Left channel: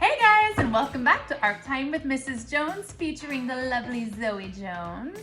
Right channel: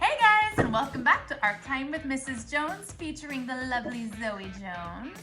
Hey guys, and welcome back to Art Time with Mrs. Jones, featuring the lovely Zoe Jones.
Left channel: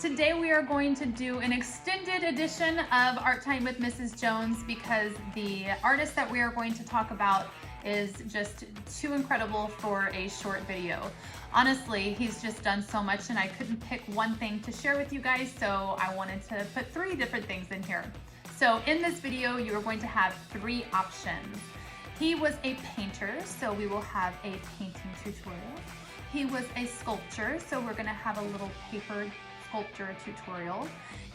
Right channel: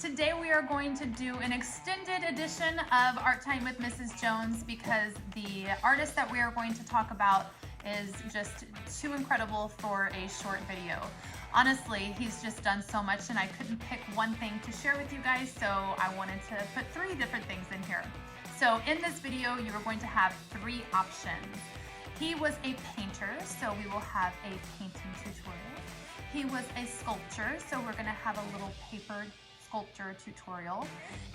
Today we are going to do an extended edition of Art Time with Mrs. Jones because the artist that we are going to talk about is just too incredible for a short video. Honestly, he's just done so much and I couldn't pick one thing to share with you guys, so I wanted to put 3 different things in here. So in this video, you are going to have 3 options. He was a painter, so we will have a painting tutorial. He was a sculptor, so we're gonna have a little paper sculpture tutorial.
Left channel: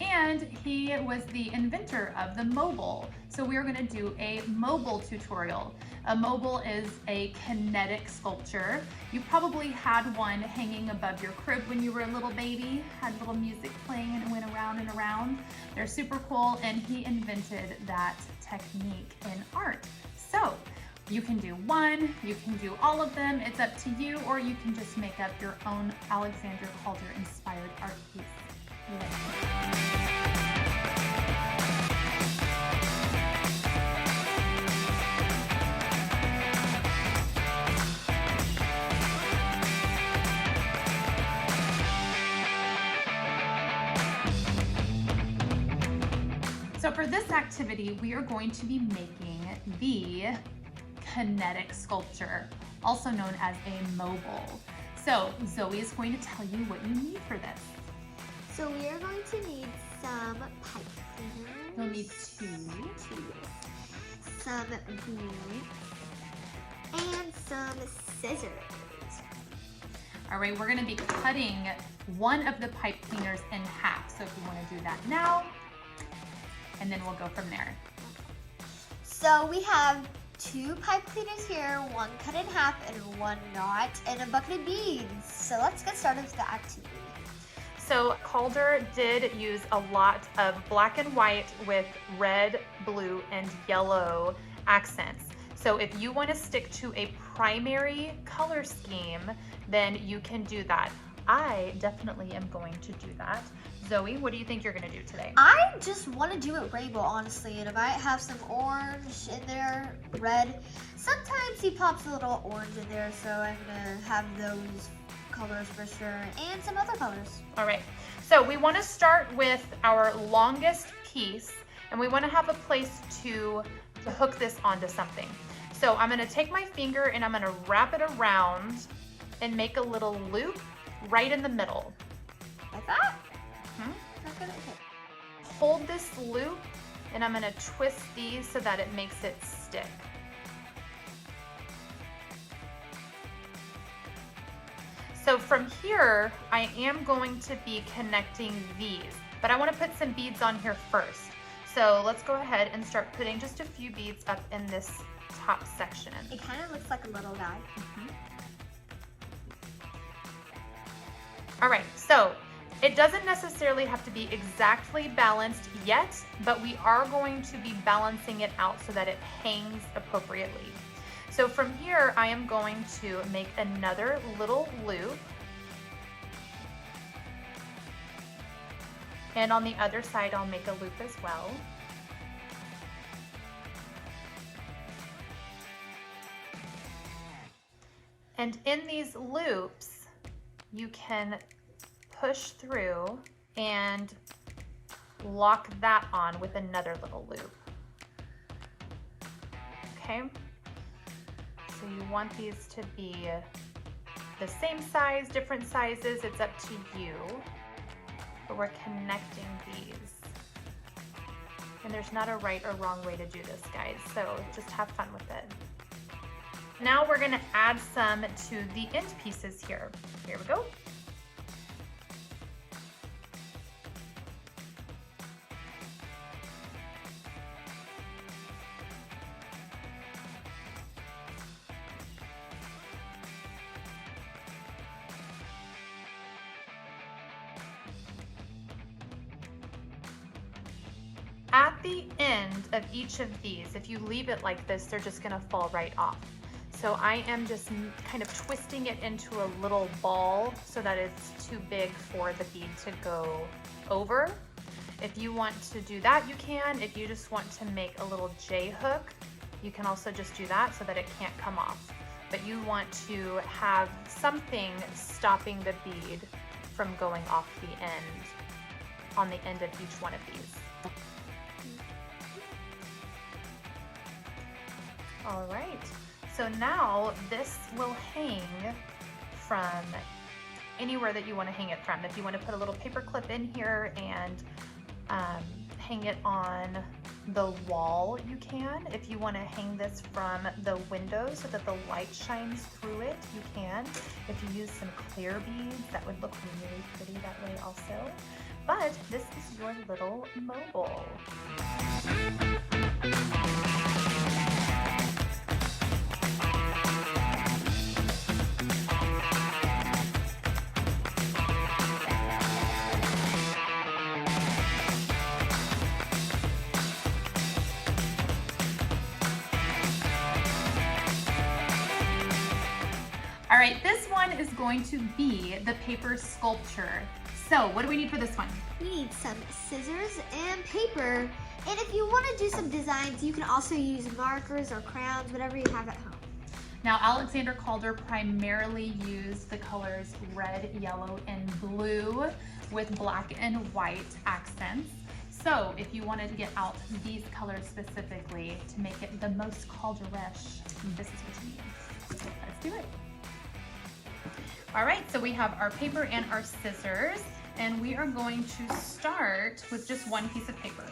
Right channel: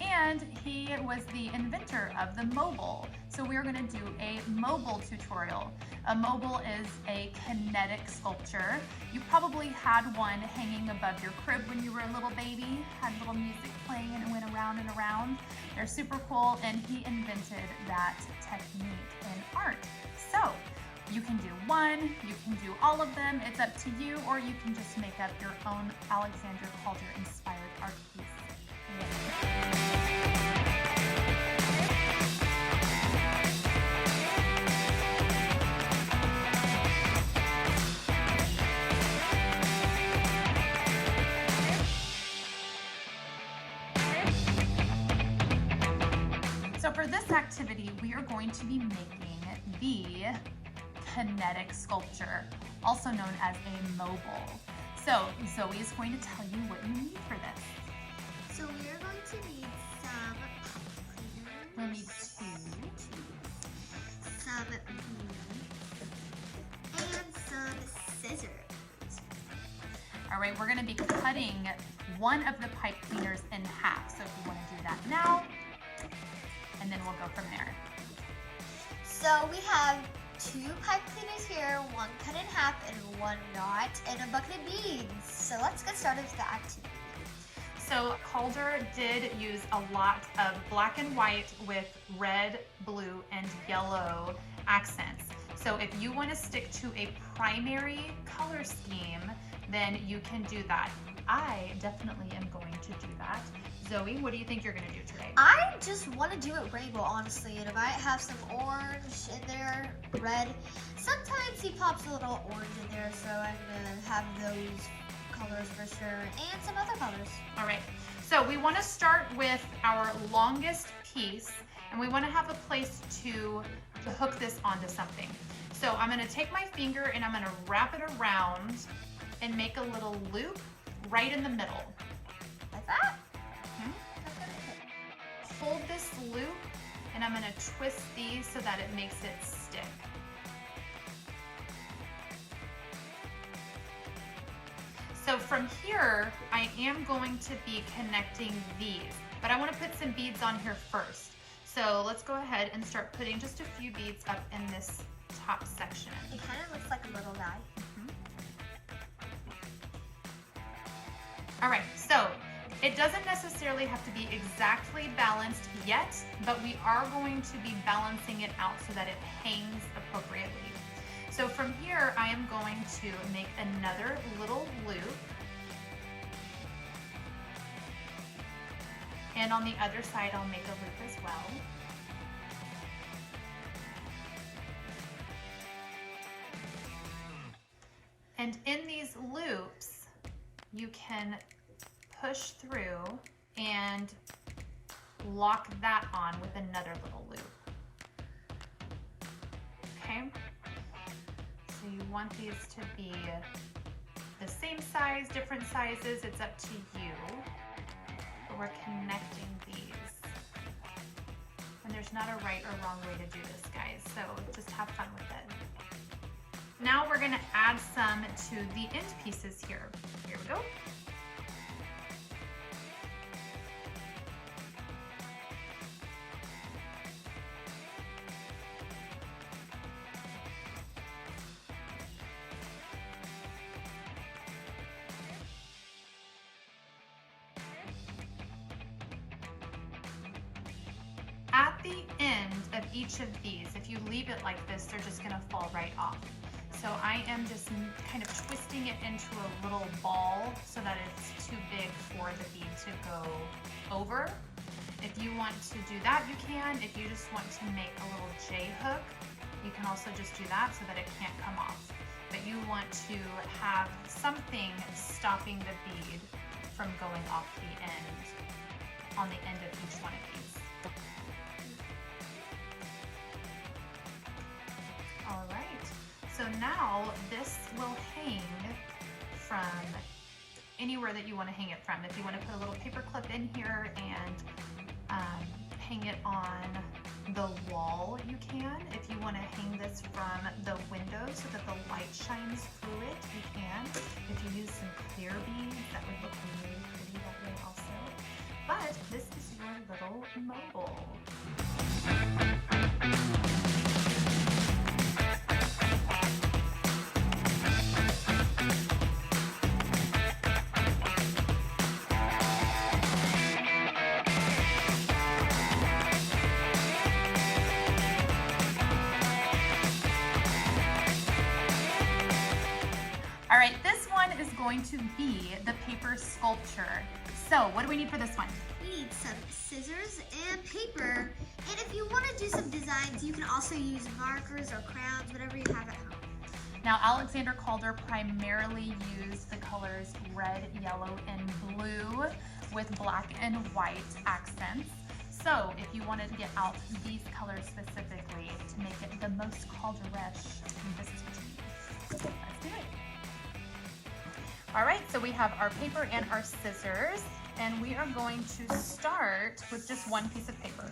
And he was the inventor of the mobile, so we're gonna do a mobile tutorial. A mobile is a kinetic sculpture. You probably had one hanging above your crib when you were a little baby, had little music playing and it went around and around. They're super cool, and he invented that technique in art. So you can do one, you can do all of them, it's up to you, or you can just make up your own Alexander Calder inspired art piece. So for this activity, we are going to be making the Kinetic Sculpture, also known as a mobile. So Zoe is going to tell you what you need for this. So we are going to need some pipe cleaner. We'll need 2, some glue, and some scissors. All right, we're gonna be cutting one of the pipe cleaners in half. So if you wanna do that now, and then we'll go from there. So we have 2 pipe cleaners here, one cut in half and one not, and a bucket of beads. So let's get started with the activity. So Calder did use a lot of black and white with red, blue, and yellow accents. So if you want to stick to a primary color scheme, then you can do that. I definitely am going to do that. Zoe, what do you think you're going to do today? I just want to do it rainbow, honestly, and it might have some orange in there, red. Sometimes he pops a little orange in there, so I'm going to have those colors for sure, and some other colors. All right, so we want to start with our longest piece, and we want to have a place to hook this onto something. So I'm going to take my finger and I'm going to wrap it around and make a little loop right in the middle. Like that? Hold this loop and I'm going to twist these so that it makes it stick. So from here, I am going to be connecting these, but I want to put some beads on here first. So let's go ahead and start putting just a few beads up in this top section. It kind of looks like a little guy. All right, so it doesn't necessarily have to be exactly balanced yet, but we are going to be balancing it out so that it hangs appropriately. So from here, I am going to make another little loop. And on the other side, I'll make a loop as well. And in these loops, you can push through and lock that on with another little loop. Okay? So you want these to be the same size, different sizes, it's up to you. But we're connecting these. And there's not a right or wrong way to do this, guys, so just have fun with it. Now we're gonna add some to the end pieces here. Here we go. At the end of each of these, if you leave it like this, they're just gonna fall right off. So I am just kind of twisting it into a little ball so that it's too big for the bead to go over. If you want to do that, you can. If you just want to make a little J hook, you can also just do that so that it can't come off. but you want to have something stopping the bead from going off the end, on the end of each one of these. All right, so now this will hang from anywhere that you want to hang it from. If you want to put a little paper clip in here and hang it on the wall, you can. If you want to hang this from the window so that the light shines through it, you can. If you use some clear beads, that would look really pretty that way also. But this is your little mobile. All right, this one is going to be the paper sculpture. So what do we need for this one? We need some scissors and paper. And if you want to do some designs, you can also use markers or crayons, whatever you have at home. Now, Alexander Calder primarily used the colors red, yellow, and blue with black and white accents. So if you wanted to get out these colors specifically to make it the most Calder-ish, this is what you need. Let's do it. All right, so we have our paper and our scissors, and we are going to start with just one piece of paper.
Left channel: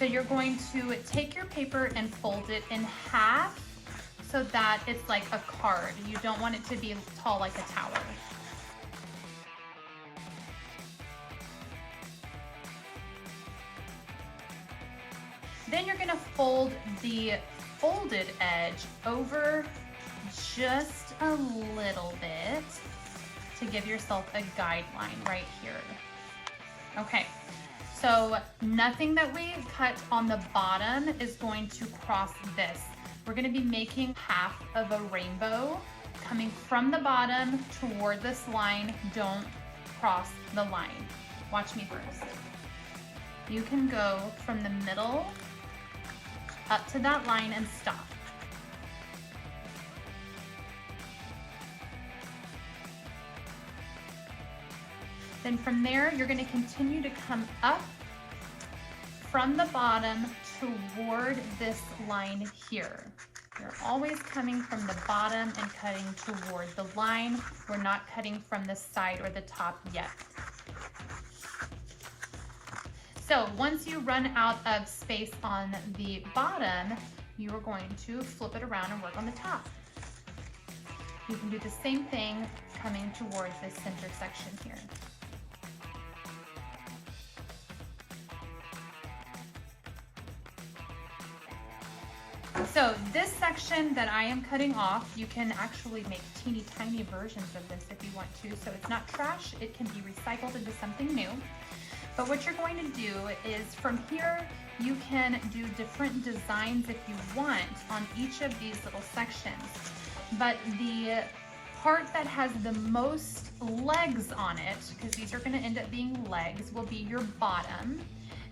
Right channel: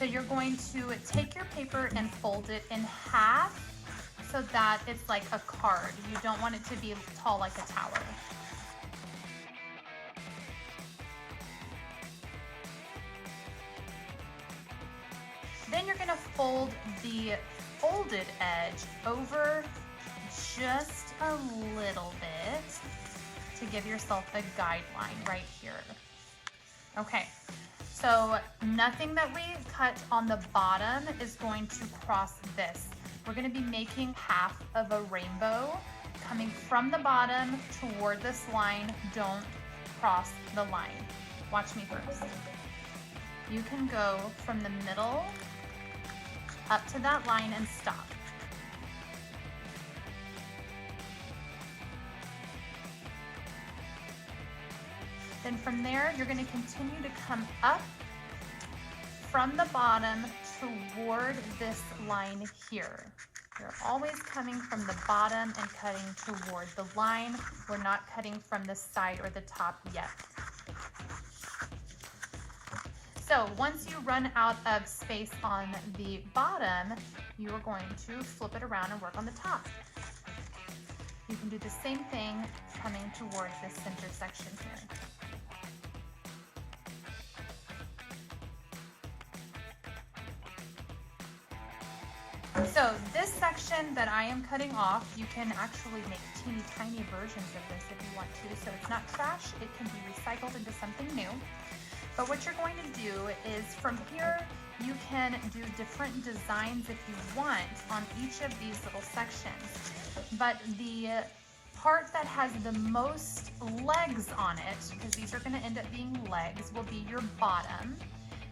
So you're going to take your paper and fold it in half so that it's like a card. You don't want it to be tall like a tower. Then you're gonna fold the folded edge over just a little bit to give yourself a guideline right here. Okay, so nothing that we cut on the bottom is going to cross this. We're going to be making half of a rainbow coming from the bottom toward this line. Don't cross the line. Watch me first. You can go from the middle up to that line and stop. Then from there, you're going to continue to come up from the bottom toward this line here. You're always coming from the bottom and cutting toward the line. We're not cutting from the side or the top yet. So once you run out of space on the bottom, you are going to flip it around and work on the top. You can do the same thing coming towards this center section here. So this section that I am cutting off, you can actually make teeny tiny versions of this if you want to. So it's not trash, it can be recycled into something new. But what you're going to do is from here, you can do different designs if you want on each of these little sections. But the part that has the most legs on it, because these are going to end up being legs, will be your bottom.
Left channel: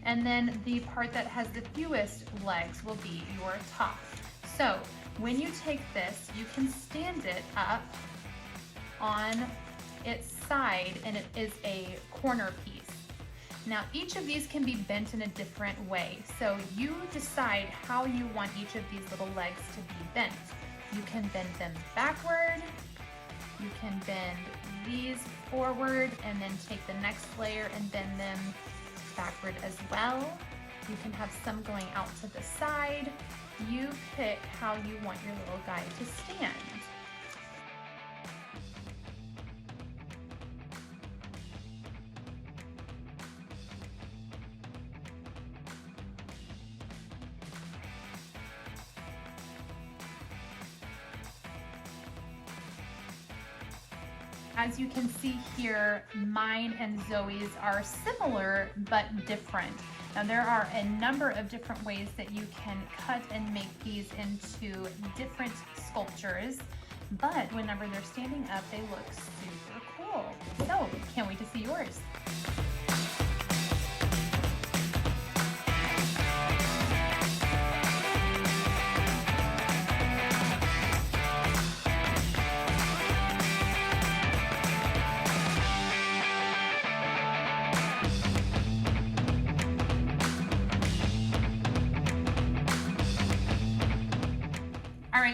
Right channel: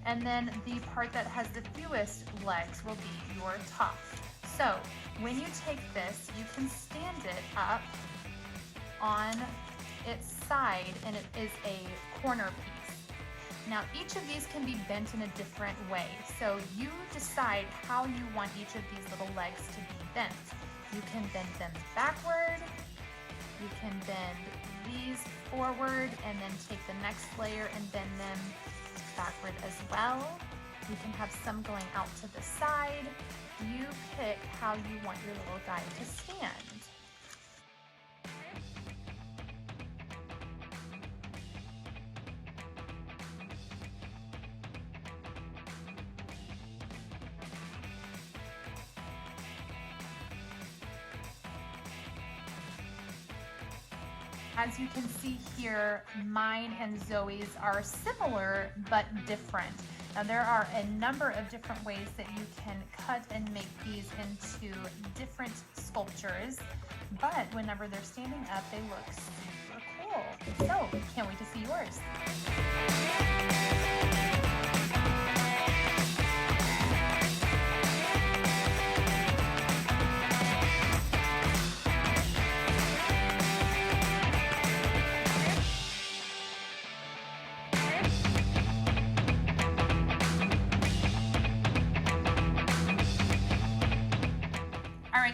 And then the part that has the fewest legs will be your top. So when you take this, you can stand it up on its side and it is a corner piece. Now each of these can be bent in a different way. So you decide how you want each of these little legs to be bent. You can bend them backward, you can bend these forward and then take the next layer and bend them backward as well. You can have some going out to the side. You pick how you want your little guy to stand. As you can see here, mine and Zoe's are similar but different. Now there are a number of different ways that you can cut and make these into different sculptures, but whenever they're standing up, they look super cool. So, can't wait to see yours.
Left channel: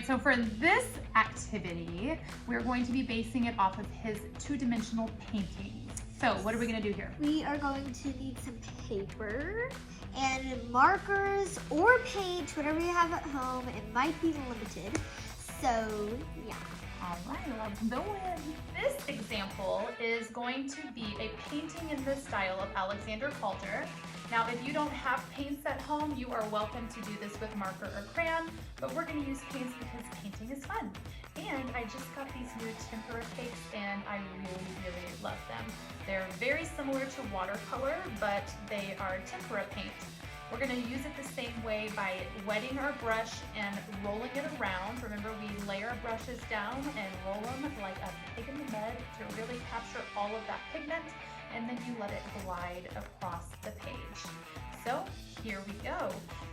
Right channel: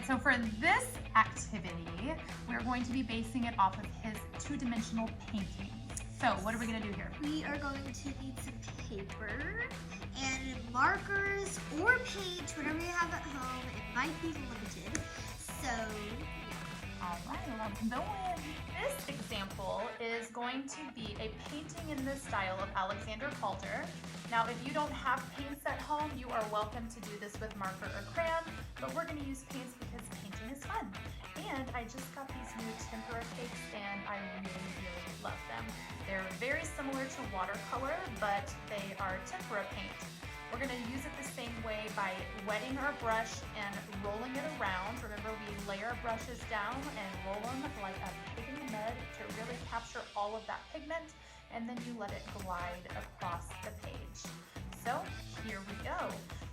right, so for this activity, we're going to be basing it off of his two-dimensional paintings. So what are we gonna do here? We are going to need some paper and markers or paint, whatever you have at home. It might be limited, so yeah. All right, well, this example is going to be a painting in the style of Alexander Calder. Now, if you don't have paints at home, you are welcome to do this with marker or crayon, but we're going to use paints because painting is fun. And I just got these new tempera cakes and I really, really love them. They're very similar to watercolor, but they are tempera paint. We're going to use it the same way by wetting our brush and rolling it around. Remember, we lay our brushes down and roll them like a pig in the mud to really capture all of that pigment, and then you let it glide across the page. So here we go.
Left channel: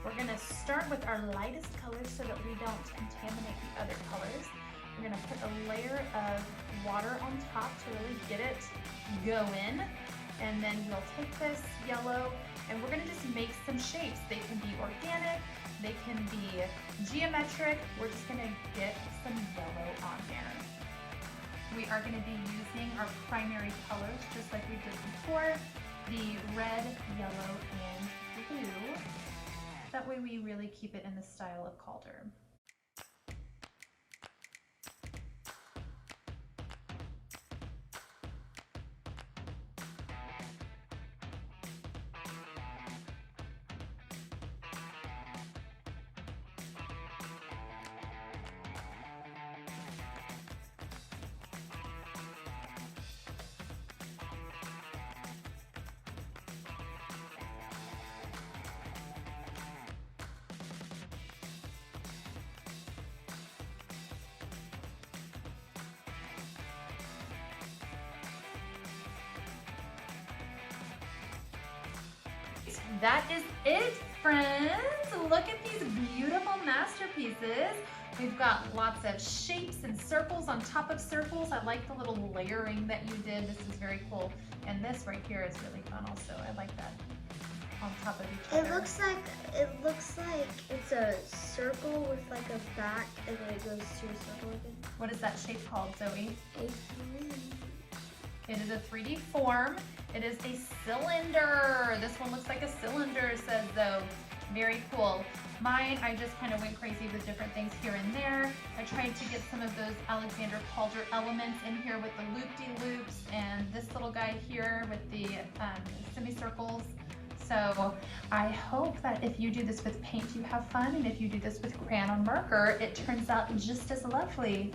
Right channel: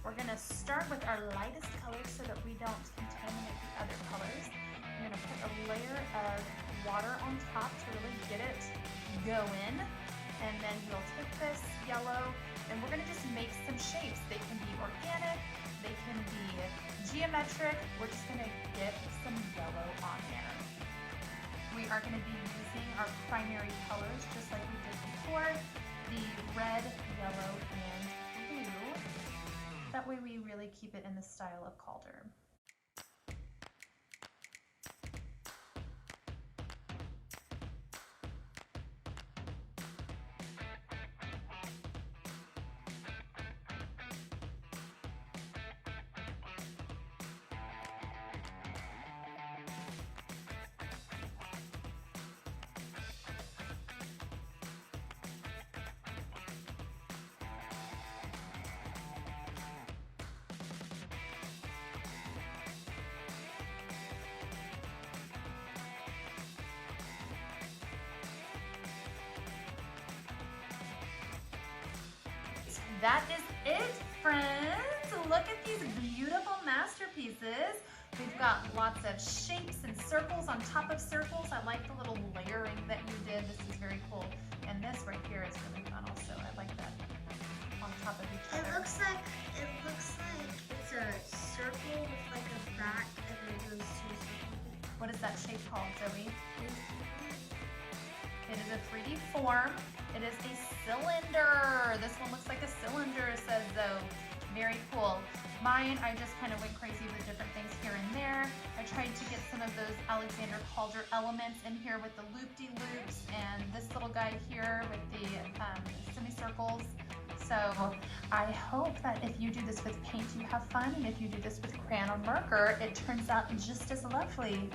We're going to start with our lightest colors so that we don't contaminate the other colors. I'm going to put a layer of water on top to really get it going, and then we'll take this yellow and we're going to just make some shapes. They can be organic, they can be geometric. We're just going to get some yellow on there. We are going to be using our primary colors just like we did before, the red, yellow, and blue. That way we really keep it in the style of Calder. That is it, friends. Look at these beautiful masterpieces. We've got lots of shapes and circles on top of circles. I like the little layering that you did. This is very cool. And this right here is really fun also. I like that on top of each other. It looks like it's a circle with like a back and then it goes to a circle again. What is that shape called, Zoe? It is a 3D form. It is a cylinder. This one looks like a cylinder, says Zoe. Very cool. Mine, I just kind of went crazy with different things here and there. I tried to get some of those Alexander Calder elements in here with the loop-de-loops and this little guy here with the semicircles. So I hope that if you do this with paint, you have fun, and if you do this with crayon or marker, it turns out just as lovely.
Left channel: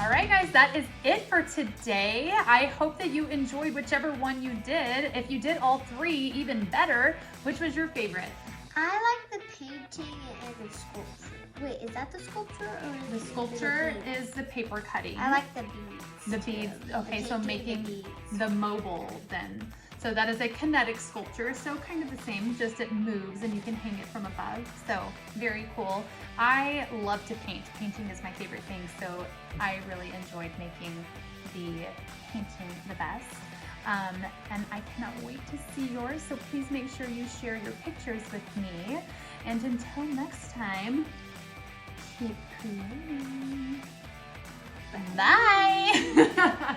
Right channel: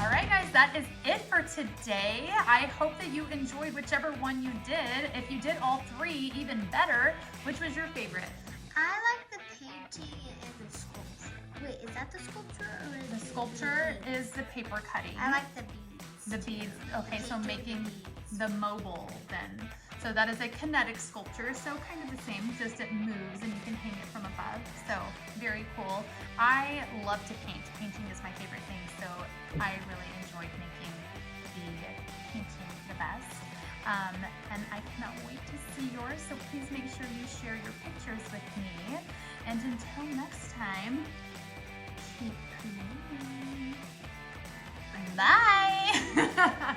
Alright guys, that is it for today. I hope that you enjoyed whichever one you did. If you did all three, even better. Which was your favorite? I like the painting and the sculpture. Wait, is that the sculpture or The sculpture is the paper cutting. I like the beads. The beads. Okay, so making the mobile then. So that is a kinetic sculpture, so kind of the same, just it moves and you can hang it from above. So very cool. I love to paint. Painting is my favorite thing, so I really enjoyed making the painting the best. And I cannot wait to see yours, so please make sure you share your pictures with me. And until next time, keep creating. Bye!